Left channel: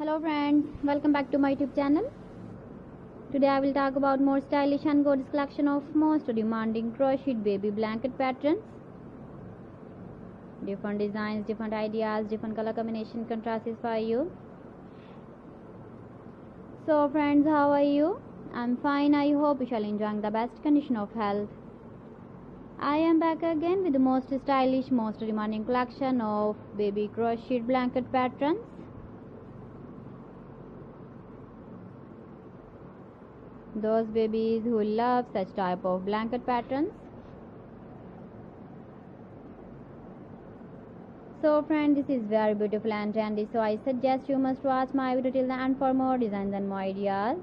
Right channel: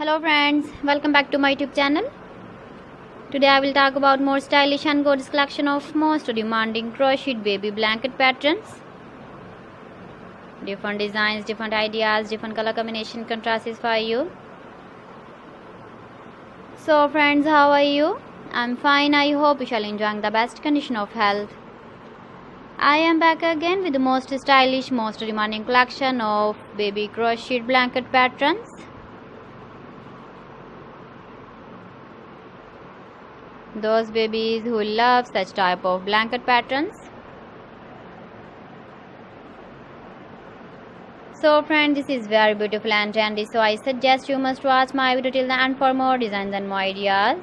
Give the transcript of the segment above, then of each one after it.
Hello friends, welcome back to my YouTube channel. Today I will talk about more stylish and gorgeous collection of most demanding crocheted baby blanket patterns. Different designs, different ideas, different color combination contrasts for you. So friends, how are you? I'm fine. I hope you shall enjoy the best condition of health. I am back again with the most stylish, most demanding collection of baby crocheted blanket patterns. Those babies who love such type of blanket patterns. So friends, this is very beautiful and trendy, so I suggest you must watch my video till the end for more designs and more ideas.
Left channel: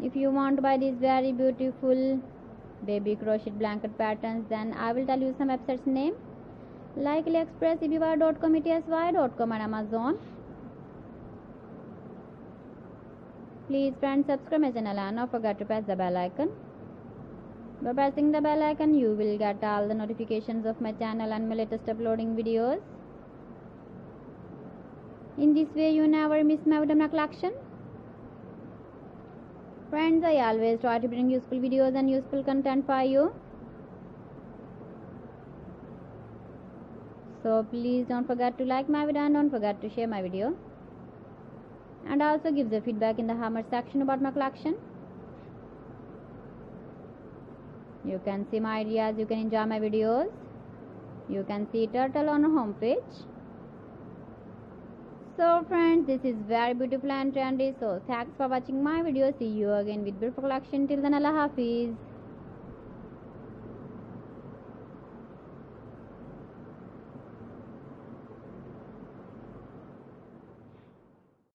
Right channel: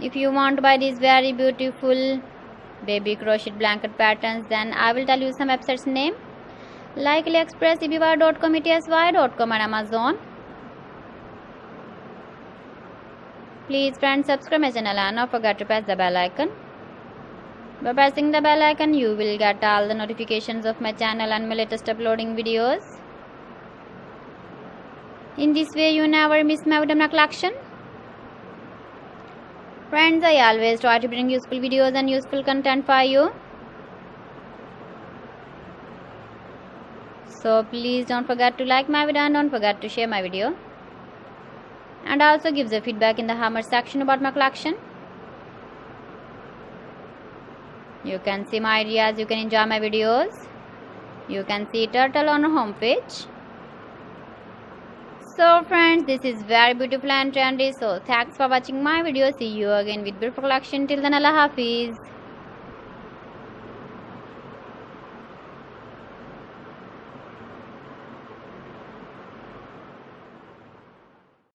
If you want to buy these very beautiful baby crocheted blanket patterns, then I will tell you some websites name like AliExpress, eBay.com, ETSY.com and Amazon. Please friends, subscribe my channel and don't forget to press the bell icon. By pressing the bell icon, you will get all the notifications of my channel and my latest uploading videos. In this way, you never miss my video collection. Friends, I always try to bring useful videos and useful content for you. So please don't forget to like my video and don't forget to share my video. And also give the feedback in the comment section about my collection. You can see my ideas, you can enjoy my videos. You can see turtle on our home page. So friends, this is very beautiful and trendy. So thanks for watching my video. See you again with beautiful collection. Till then, Allah Hafiz.